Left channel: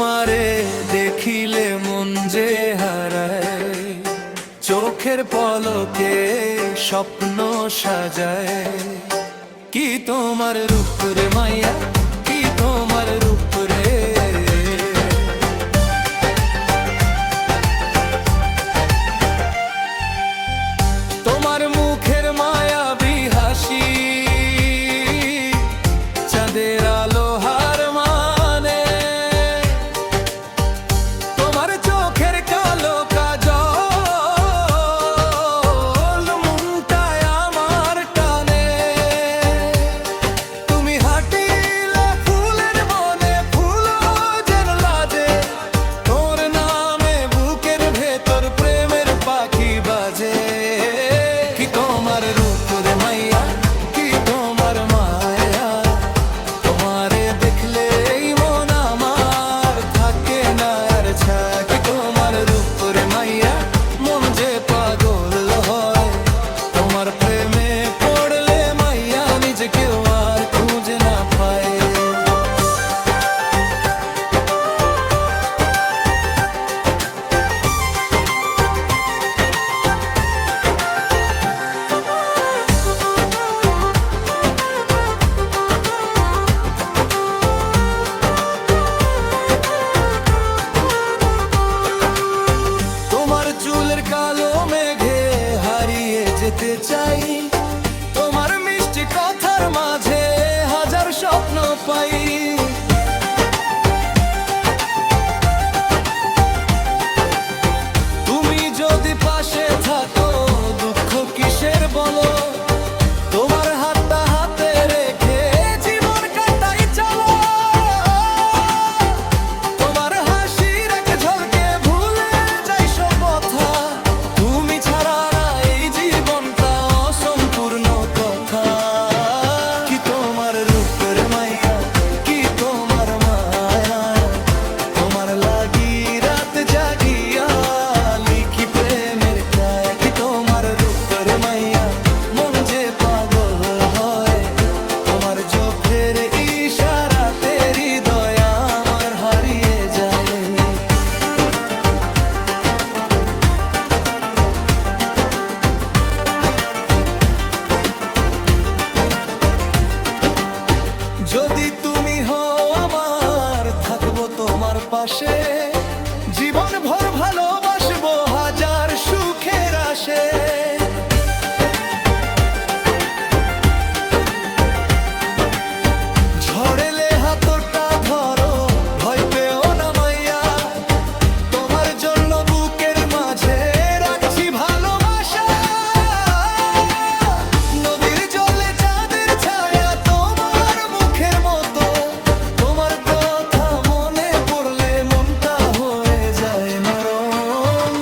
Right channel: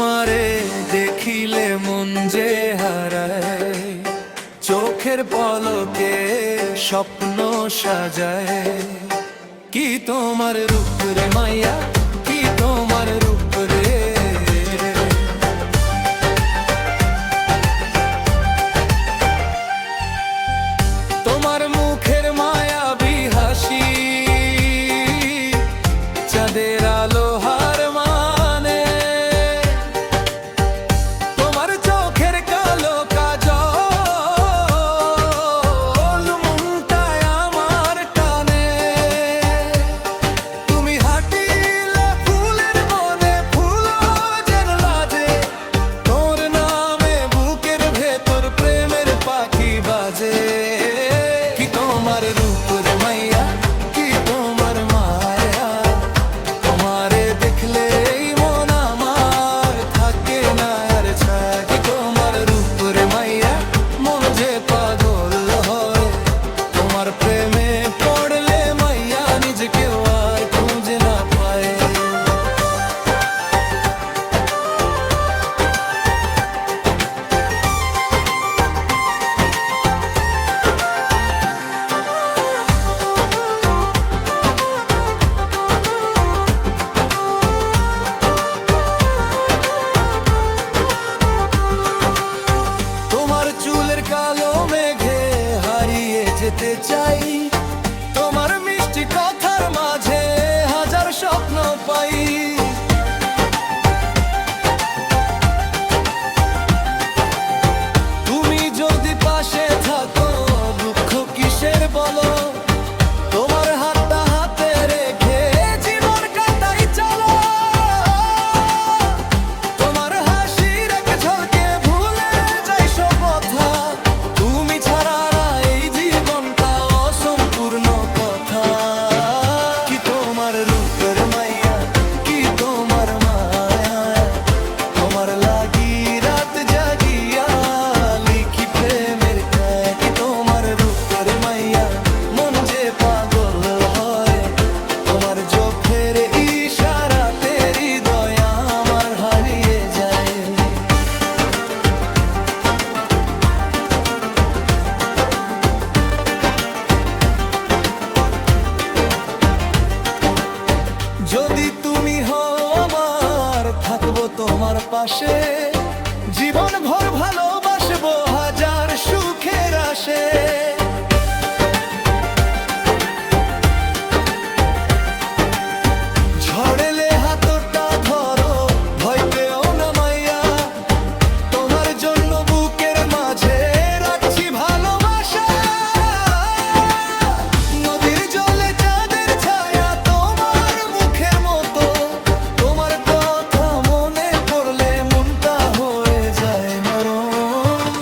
তোমারে দেখিলে মন যে হারায়, চোখের পলকে স্বপ্ন সাজায়। কি তোমার রূপ রে মাইয়া, কি তোমার রূপ রে। তোমার মুখের মায়াবী হাসি, চাঁদের আলো হার মানে। তোমার চোখের কালো কাজল মনটায় আমার টানে। তুমি হাঁটিলে ফুলের বনে, ফুলও যেন লাজে। তোর নামে বুকের ভেতর প্রেমের পাখি বাজে। কি তোমার রূপ রে মাইয়া, কি তোমার মায়া। তোমারে দেখলে এই মন আমার থাকে না আর ছায়া। কি তোমার রূপ রে মাইয়া, মন যে পাগল হয়। তোমার প্রেমে পড়লে মাইয়া নিজেকেও আর খুঁজে না পায়। চুলের কালো মেঘে হারিয়ে যেতে চাই। তোমার মিষ্টি কথার মাঝে হাজার স্বপ্ন পাই। তুমি যদি পাশে থাকো দুঃখ কিসের বলো। তোমার হাতটা হাতে রেখে জীবন কাটাই চলো। তোমার হাসির এক ঝলকে ভুলে যাই সব কথা। তুমি ছাড়া না এই জীবনটা অসম্পূর্ণ কথা। কি তোমার রূপের মাইয়া, কি তোমার মায়া। তোমার লাগি রাত জাগিয়া লিখি প্রেমের কায়া। কি তোমার রূপের মাইয়া, মন যে পাগল হয়। তোমার চোখের ইশারাতে হৃদয় আমার হারিয়ে যায়। যদি তুমি হও আমার, থাকবো তোমার পাশে। জীবন ভর ভালোবাসবো হাজার সুখের আসে। ঝড়েলে হাতটা ধরো, ভয় পেও না মাইয়া। তোমার জন্য বুকের মাঝে রাখছি ভালোবাসা। নদীর জলে চাঁদের ছায়া তোমার মুখের মতো। তোমার কথা মনে পড়লে মনটা হয়ে যায় নরম।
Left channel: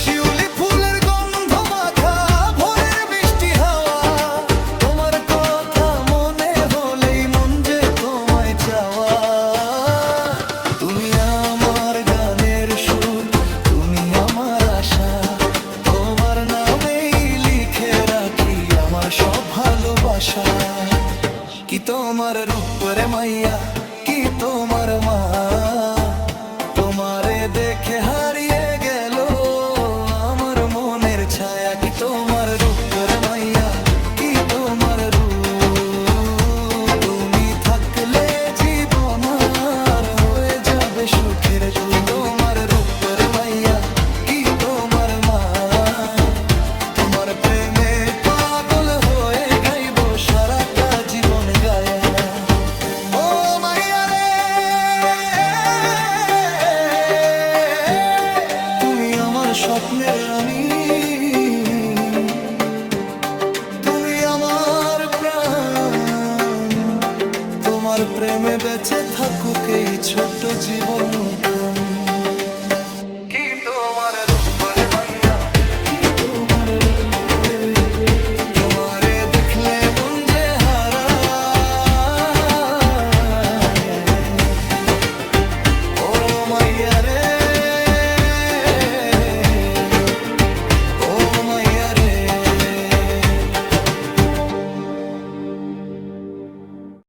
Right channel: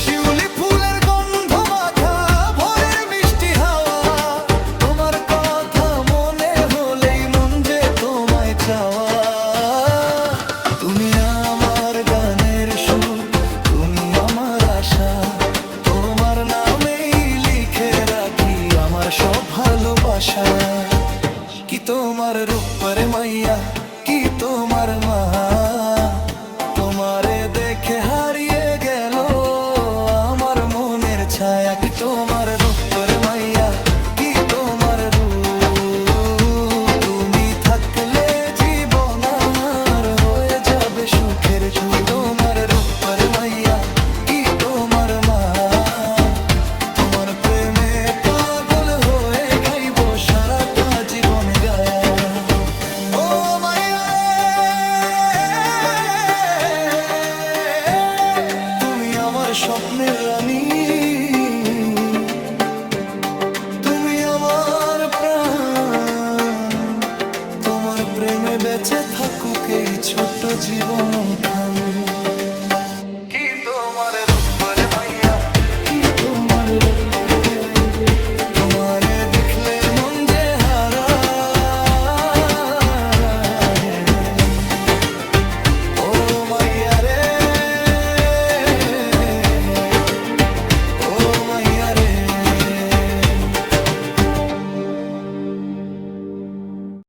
শিউলি ফুলের গন্ধ মাখা ভোরের মিষ্টি হাওয়া। তোমার কথা মনে হলেই মন যে তোমায় চাওয়া। তুমি আমার গানের সুর, তুমি আমার আশা। তোমার নামেই লিখে রাখি আমার সব ভালোবাসা। কি তোমার রূপ রে মাইয়া, কি তোমার মা। তোমারে দেখে হারিয়ে গেল আমার মনের ছায়া। কি তোমার রূপ রে মাইয়া, কি তোমার রূপ। তুমি থাকলে জীবন আর হয়ে যাবে সুখের। কি তোমার রূপ রে মাইয়া, কি তোমার মা। তোমার প্রেমে পাগল হয়ে গাইব সারাটা জীবন গায়া। ও মাইয়া রে, তুমি আমার স্বপ্নের রানী। তুমি আমার প্রাণ। তোমার প্রেমে বেঁচে থাকুক এই ছোট্ট জীবন খানি।